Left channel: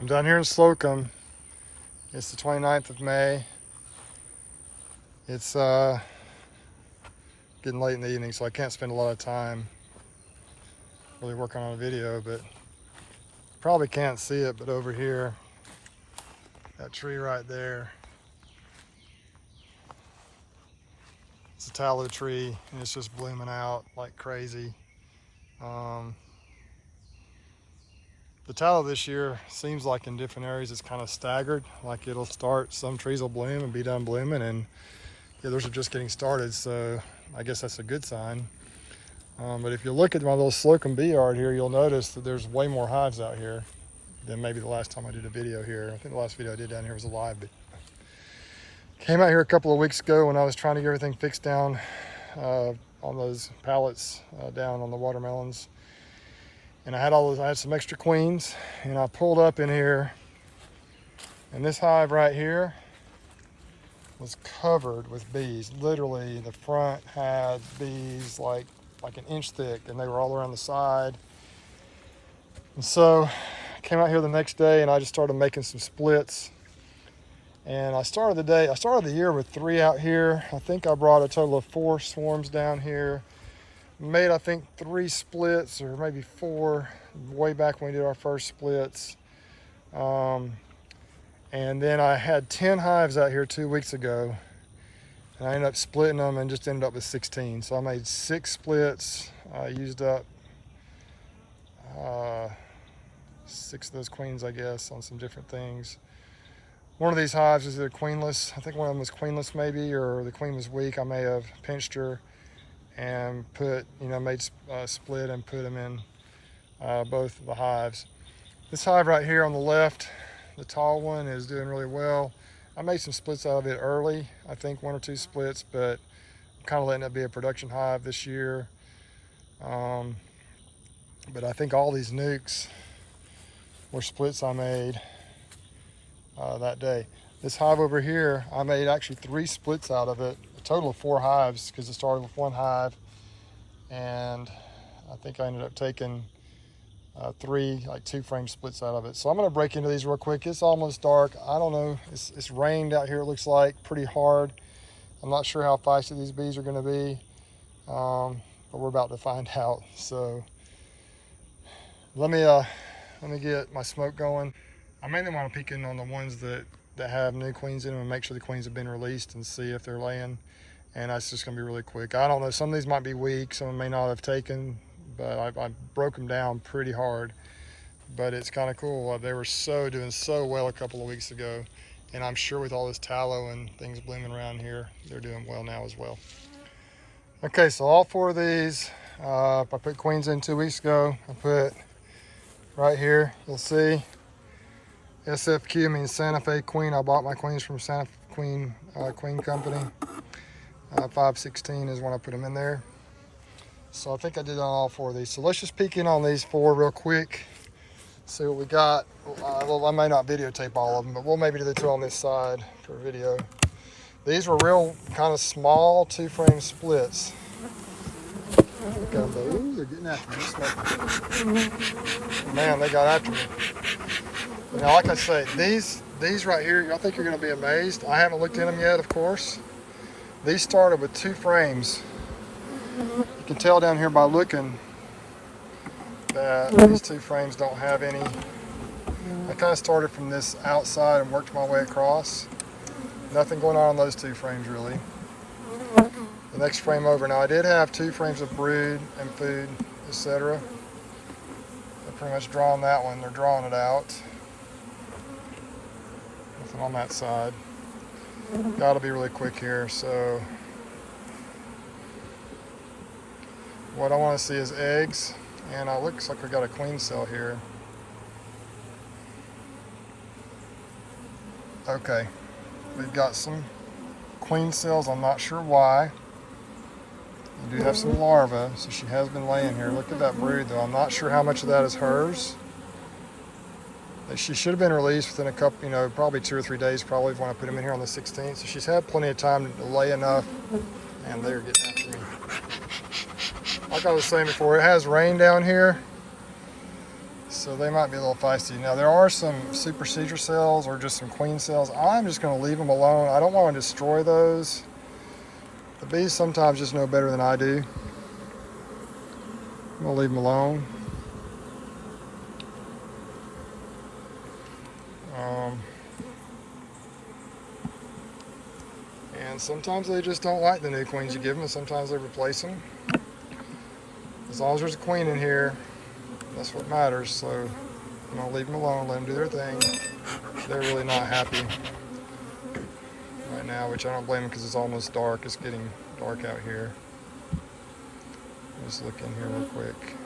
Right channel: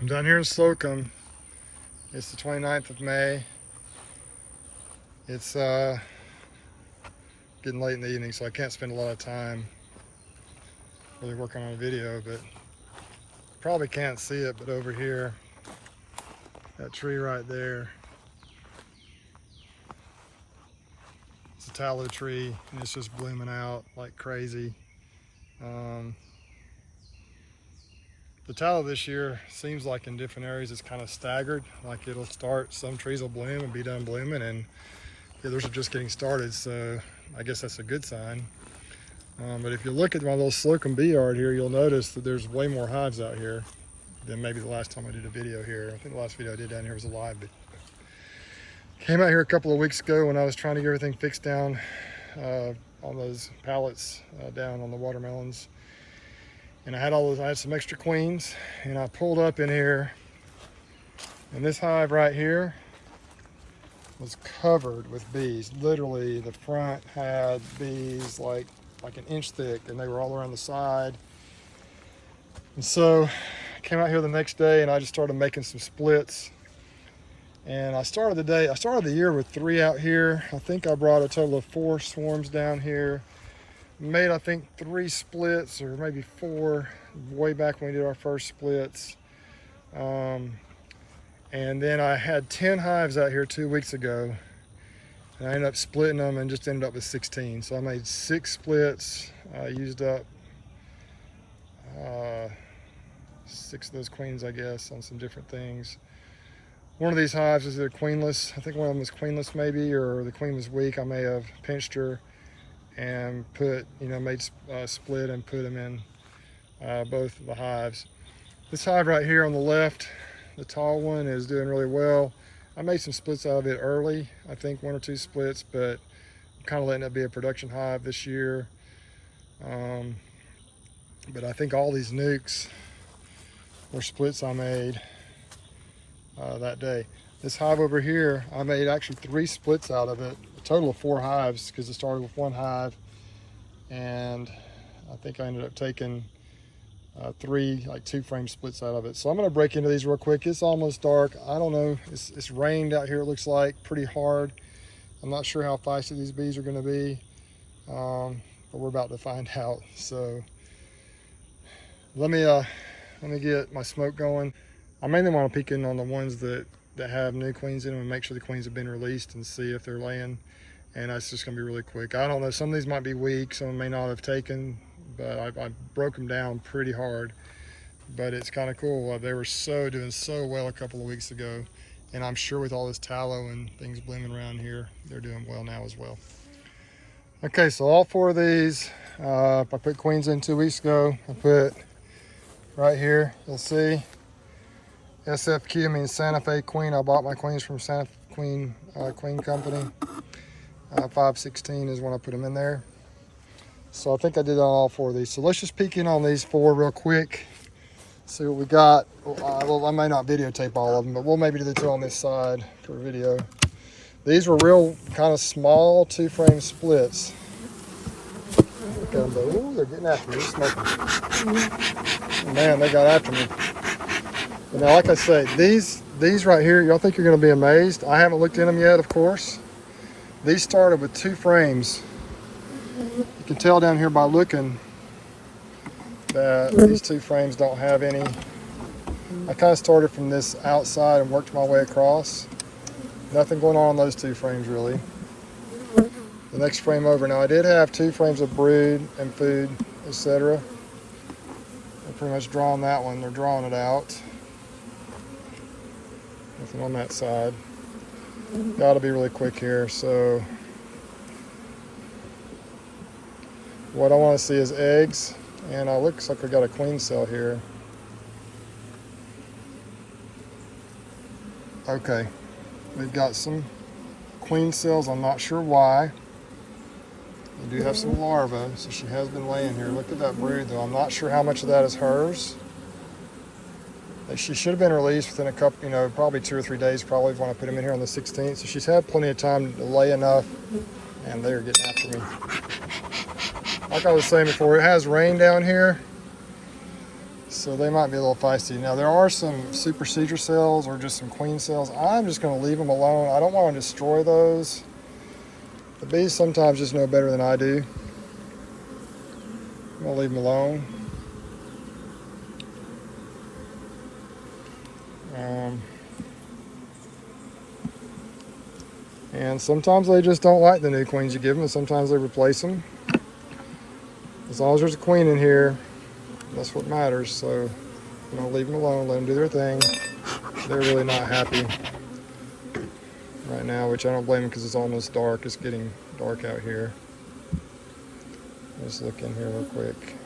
I'm down here in Slocomb. It's the 29th of May. It's getting late in the evening, so I can't spend a lot of time really working on a video, but you probably can't see it, but over here, that tree right there, it's a tallow tree, and it's just blooming out like crazy. The tallow this year seems like in different areas it's kind of staggered, like it'll start, some trees will bloom and be done blooming, and the others are just getting started, so I guess that's a good sign. But if you look at my little Slocomb bee yard here, you'll notice that there's way more hives out here than maybe the last time I did a video here. I think the last video I did down here was a live, but came out here a couple of weeks ago when I was trying to get everything fixed down on those pallets down on the watermelons. And I had some extra queens, and I pulled up in here, and this hive right here was covered with bees. Literally, the front had bees like an inch thick, and they were all around the side. And so I came out here the next day, and I just started making some splits. And I started the year with 3 out here. I think I brought a total of 4 swarms down here. Made, I think, 3 splits, or maybe 4, way back when we did our first splits. And then I had 10 hives out here 2 weeks ago, and I ended up splitting them and just ended up with 16. So I made 6 splits. I used up 6 of those queens, I guess, on some different things. One of these hives is either queenless. I think one of them was queenless maybe, or the queen was weak. I may have pinched her and put, made a split and put them in both of the hives. This hive right here on the left, the tall one, is doing really well. I made some splits out of it early, I think 1 or 2 splits, but I'm kind of letting it be a production hive this year. But I think all these nukes were splits I made that day. This hive over here, I made actually 3 splits out of it, a total of 4 hives, because it started with 1 hive, and I think I ended up taking 3 2-frame splits out of it. So I'm going to break into these real quick. It's almost dark. I don't know, it's rained out here, it looks like, pretty hard. I'm not sure how feisty these bees are going to be, but we're about to find out. So let me get my smoke going. I mainly want to peek in on the ones that have new queens in them and make sure the queens have been released and see if they're laying. And that's just going to be really quick. I don't know, some of these might be weak, some of them may not have taken, but I broke them down pretty hard. But it's kind of cool. They were doing so well a couple of weeks ago, and I'm sure with all this tallow and things blooming around here, they're doing well now as well. Okay, so all 4 of these, I put queens in 2 weeks ago. I put right here, you'll see, SFQ means Santa Fe Queen. I bought my queens from Santa Fe Queen Company. 516 is when I put them in there. So I think I did on all 4 of these. So let's just peek in on these 4 real quick. See what we got. Well, I may not videotape all of them, but we'll maybe do the 2 on this side for a video. These were real kind of small 2-frame splits. Ooh, they're getting after me. Smoking. Man, they got after me. Now, like I say, these right here, y'all think you're going to be amazed. I haven't looked in them yet, of course. These started with 2 frames. You can tell down here by looking that these 2 frames don't have any. I kind of started from this outside and worked my way across. Nothing going on those 2 frames really. The next frame over. Now I did have 2 frames of brood and food, etc. I've pretty much drawn that one. They're drawing it out. Nothing on that side. Gotta be really quick here. So what I want to see is eggs, and it looks like we got a queen cell here. Okay, we've got some queen cells. I'm not sure why. We do have some larvae, so she has been laying here. Look at that brood though. I'm not sure how much of that is hers. She should have been released within a couple, probably 2 or 3 days, probably when I put them in here on the 16th. So she's had plenty of time to lay enough, and they're getting after me. Like I was saying before, it has rain down here. So So they might be a little feisty. Now there are some super seeder cells or just some queen cells. I'm just gonna leave them alone. I don't wanna destroy those. The bees sometimes just know better than I do. I'm gonna leave them alone. And sometimes they just don't like the new queens you give them, and sometimes they replace them. As long as there's a queen in here, that's what matters. So I'm gonna leave them alone, let them do their thing. They're really not happy right now, which I don't blame them because it's almost dark. It's getting dark out here. Let's look in here real quick.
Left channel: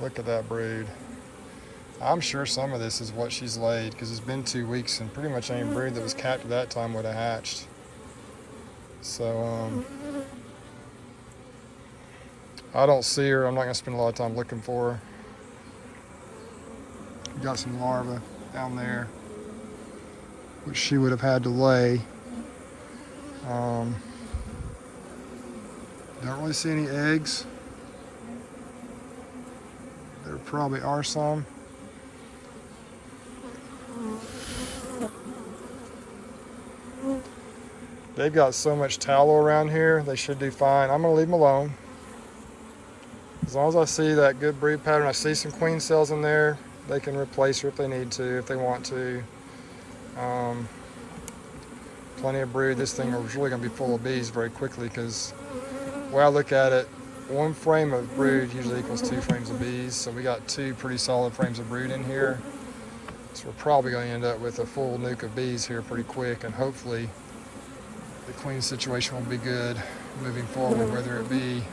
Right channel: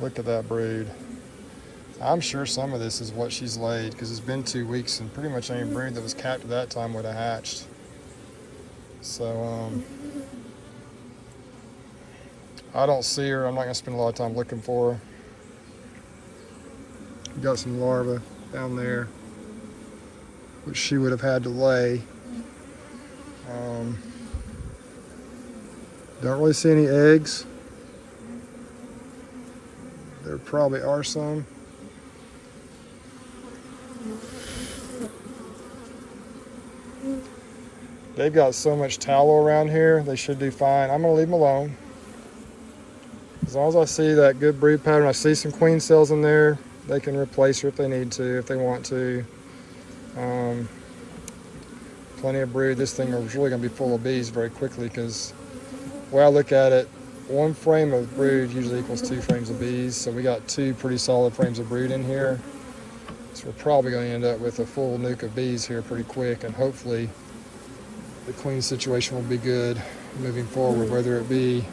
Look at that brood. I'm sure some of this is what she's laid because it's been 2 weeks and pretty much any brood that was capped at that time would have hatched. So I don't see her. I'm not gonna spend a lot of time looking for her. Got some larvae down there, which she would have had to lay. Don't really see any eggs. There probably are some. They've got so much tallow around here, they should do fine. I'm gonna leave them alone. As long as I see that good brood pattern, I see some queen cells in there, they can replace her if they need to, if they want to. Plenty of brood. This thing is really gonna be full of bees very quickly because the way I look at it, 1 frame of brood usually equals 2 frames of bees. So we got 2 pretty solid frames of brood in here. So we're probably gonna end up with a full nuke of bees here pretty quick, and hopefully the queen situation will be good moving forward, whether it be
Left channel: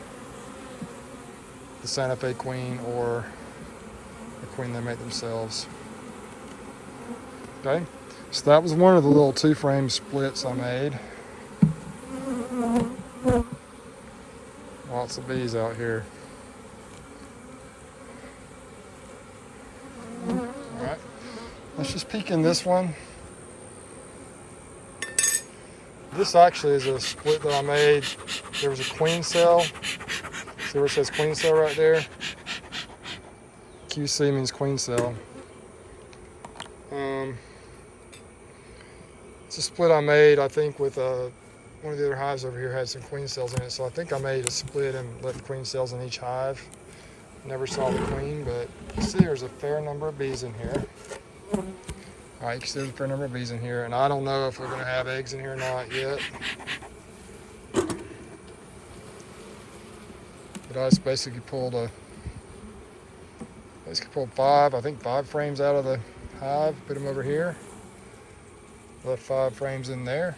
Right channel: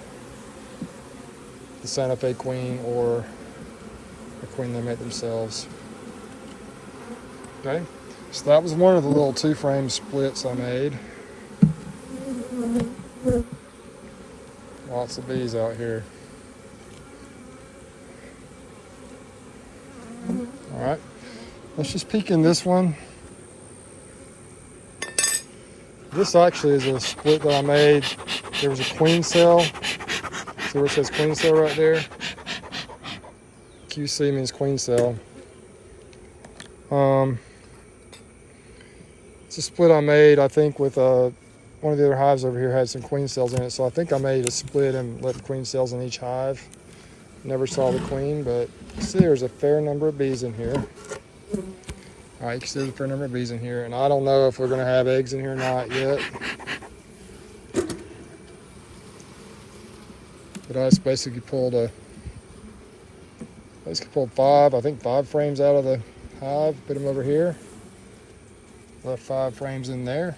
the Santa Fe queen or the queen they make themselves. Okay, so that was one of the little 2-frame splits I made. Lots of bees out here. All right, let's just peek in this one. This actually is a split that I made. There was a queen cell. See where it says queen cell right there? QC means queen cell. It's a split I made, I think, with one of the other hives over here had some queen cells in it. So I think I made a split and left queen cells in each hive. Never saw the queen, but you see there's a fair number of bees in here. All right, you can see there's a fair number of bees in here, and I don't know if we're gonna have eggs in here or not yet. But I just basically pulled 5, I think 5 frames out of the hive, put them over here. Left 5 frames in there.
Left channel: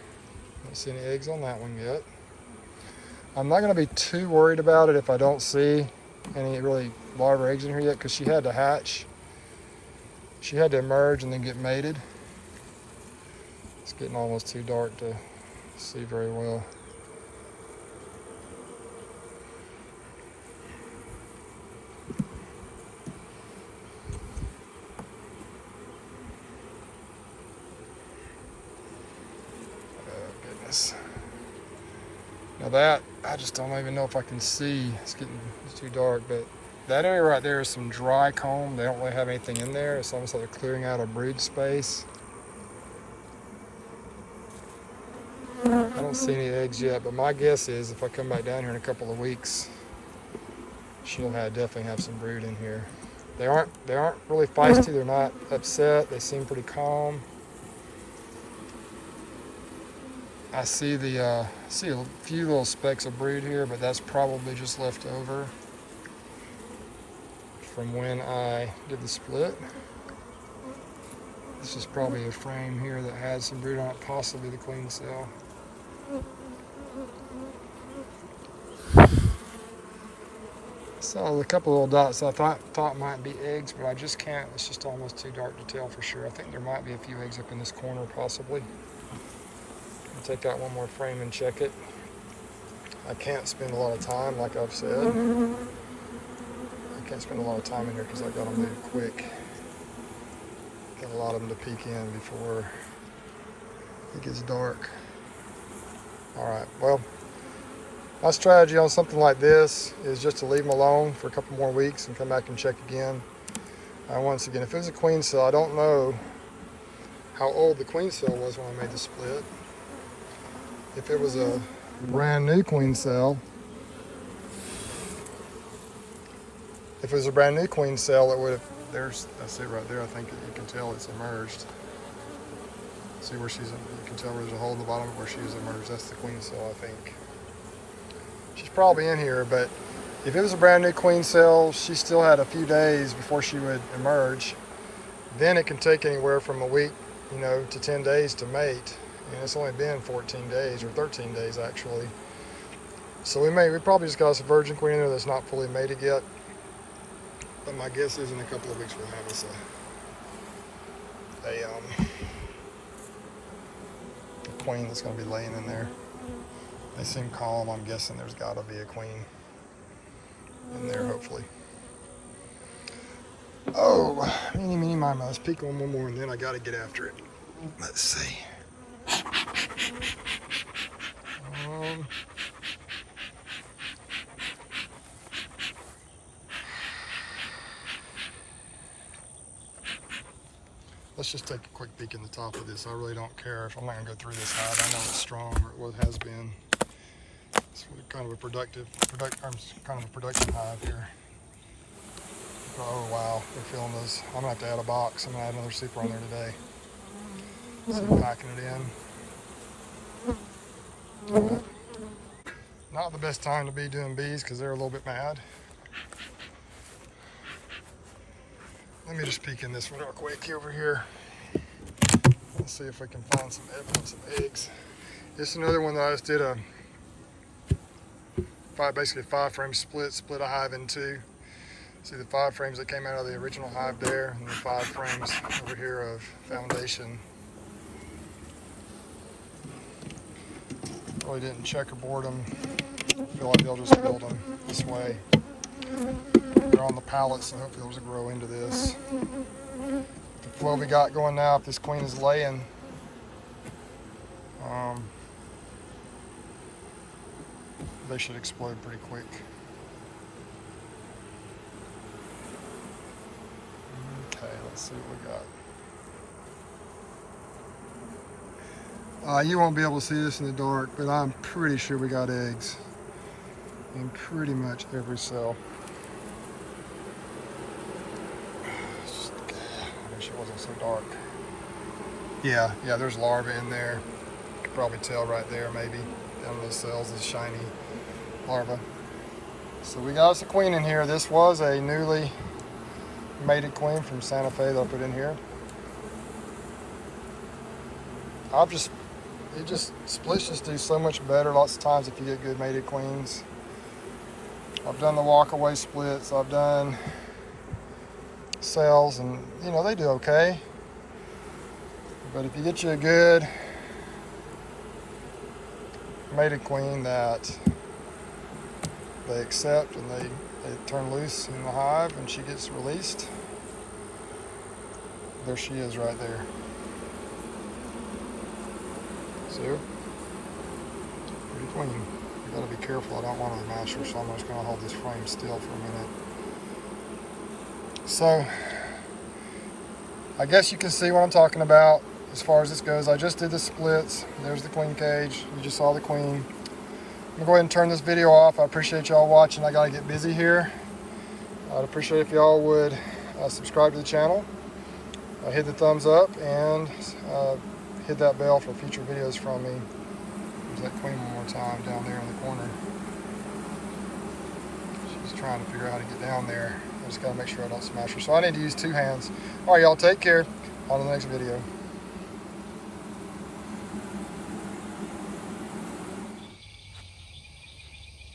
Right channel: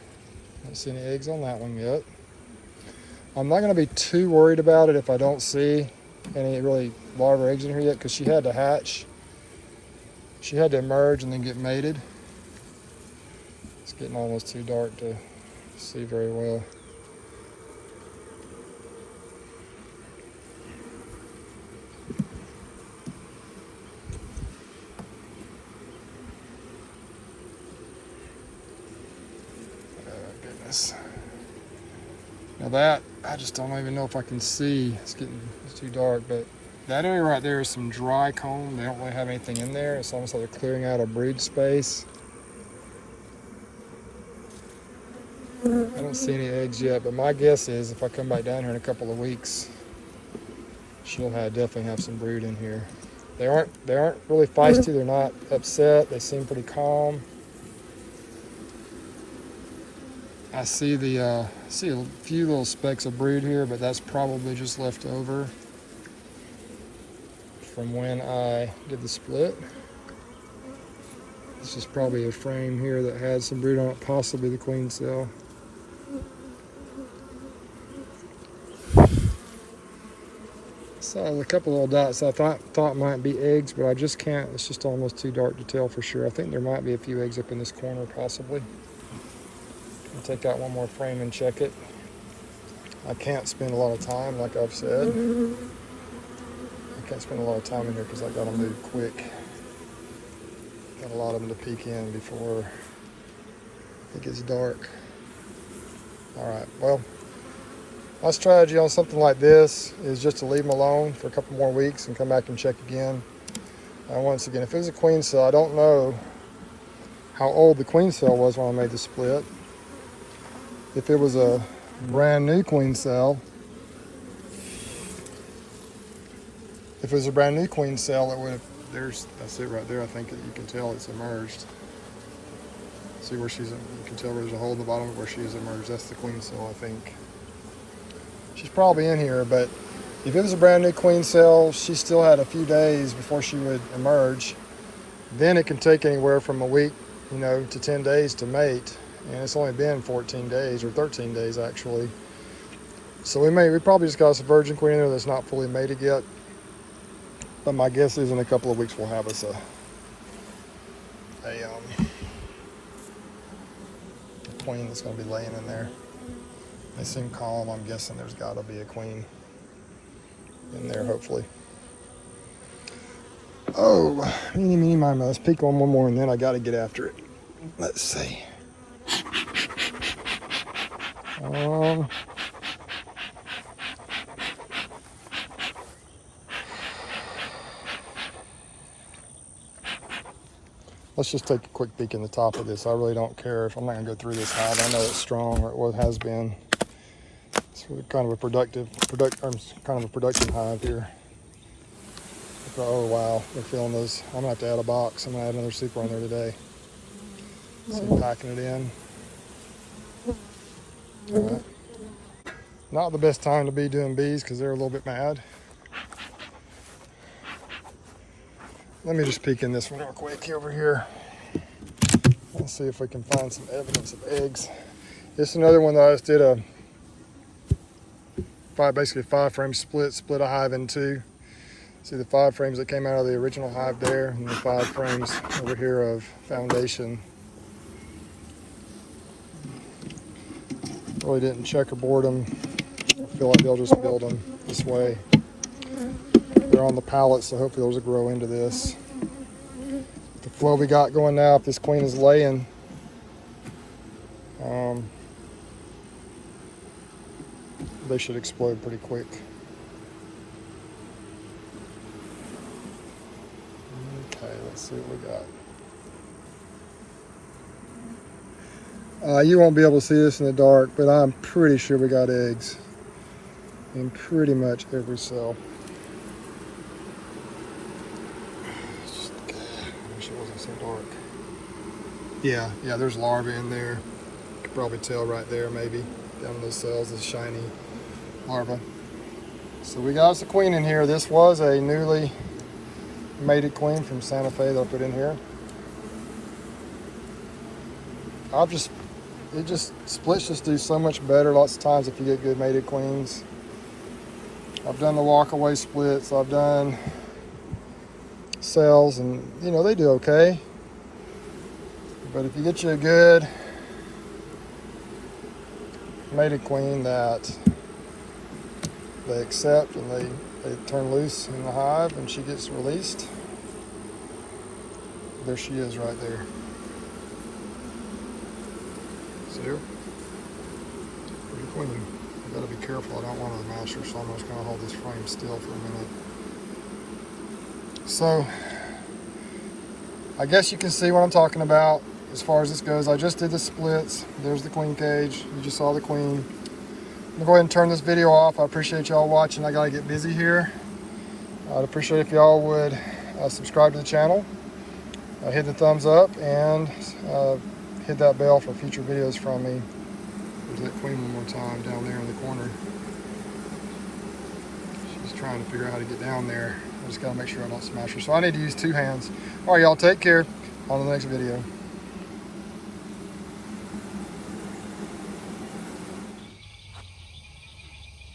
Don't see any eggs on that one yet. I'm not gonna be too worried about it if I don't see any really larvae eggs in here yet, because she had to hatch. She had to emerge and then get mated. It's getting almost too dark to see very well. Oh goodness. Now that, I just don't even know if I can see. It's too dark, but that area right there is some dry comb. They don't really have anything in there. It's almost like they're clearing out a brood space. I don't see any eggs yet, but my guess is if I come back down here in a couple of weeks, she'll definitely have some brood in here. They aren't really feisty. They're not upset. They seem pretty calm. I see a few little specks of brood here, but that's probably just left over from when I did the split. This is probably a frame here that had some brood on it, possibly the queen cell. So a couple little dots I thought might be eggs, but I just can't. It's just almost too dark to tell for sure. I think there might be a few eggs up in this corner, possibly. I'll take out one more frame and check it. I can't spend a lot of time, like I've said. I can't spend a lot of time in here because I got to move quick. Got a lot of them to peek in before it gets dark. All right, well, My strategy on something like this is just to leave them alone for a couple more weeks and come back and check again. And once again, if it was a queen cell, I don't know how old the queen cell was when I made the split. If it was a brand new queen cell, it would have, that's it right there. I think you can tell it's emerged. See where you can tell where there's a hole in the bottom where she's emerged. That's the queen cell, I think. She's probably in here, but if it was a brand new queen cell, she still had a few days before she would emerge. Then it can take anywhere from a week, to 10 days to mate. And it's only been 14 days or 13 days actually. So we probably just got us a virgin queen in there that's not fully mated yet. But my guess is in a couple of weeks we'll have us a queen that's going to be laying in there. They seem calm. I'm guessing there's got to be a queen in there, hopefully. Oh, meeny, miny, let's peek on one more and then I got to get after it. Let's see. Let's just take a quick peek in the top of this. I really don't care if I'm not gonna go through this hive. I know it's strong, or it has been. It's kind of a productive hive here. Oh wow, they're filling those. I'm gonna have to add a box. I'm gonna add another super on there today. So packing it in. Not the best time to be doing bees because they're a little bit mad. Let me just peek in this one real quick over here. Let's see if we can find some evidence of eggs. This is another one that I just did basically a 5-frame split a hive in two. See the 5 frames that came out of the original hive there, and the 5 frames over here of foundation. Really didn't checkerboard them. I feel like they'll just build them this way. They're on the pallet, so hopefully those will grow into this. The flow we got going now, if this queen is laying, they should explode pretty quick. Okay, let's see what we got. You won't be able to see this in the dark, but I'm pretty sure we got eggs in pretty much every cell. So dark. Yeah, there's larvae in there. You can probably tell right there, maybe down in those cells, the shiny larva. So we got us a queen in here. This was a newly mated queen from Santa Fe that I put in here. Splits just do so much better lots of times if you get good mated queens. I've done the walkaway splits. I've done cells, and they do okay, but if you get you a good mated queen that they accept and they turn loose in the hive and she gets released, there she is right there. See her? The queen. You gotta be careful. I don't want to mash her, so I'm just gonna hold this frame still for a minute. So, I guess you can see what I'm talking about as far as this goes. I just did the splits. There's the queen cage. You just saw the queen. I'm gonna go ahead and turn this video off. I appreciate y'all watching. I gotta get busy here. I'd appreciate if y'all would subscribe to the channel, hit the thumbs up, and hit that bell for future videos from me. There's that queen one more time down there in the corner. She's trying to figure out how to get down there. I just gotta make sure I don't smash her. So I need to use 2 hands. All right, y'all, take care. On the next video.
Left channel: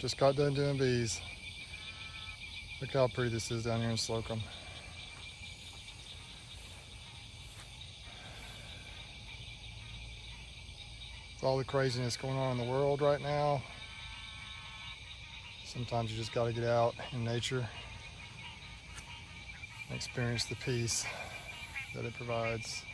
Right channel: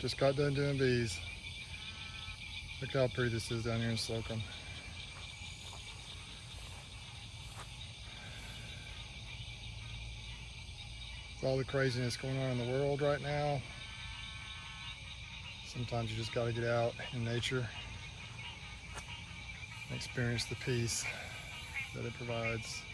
Just got done doing bees. Look how pretty this is down here in Slocomb. With all the craziness going on in the world right now, sometimes you just got to get out in nature and experience the peace that it provides.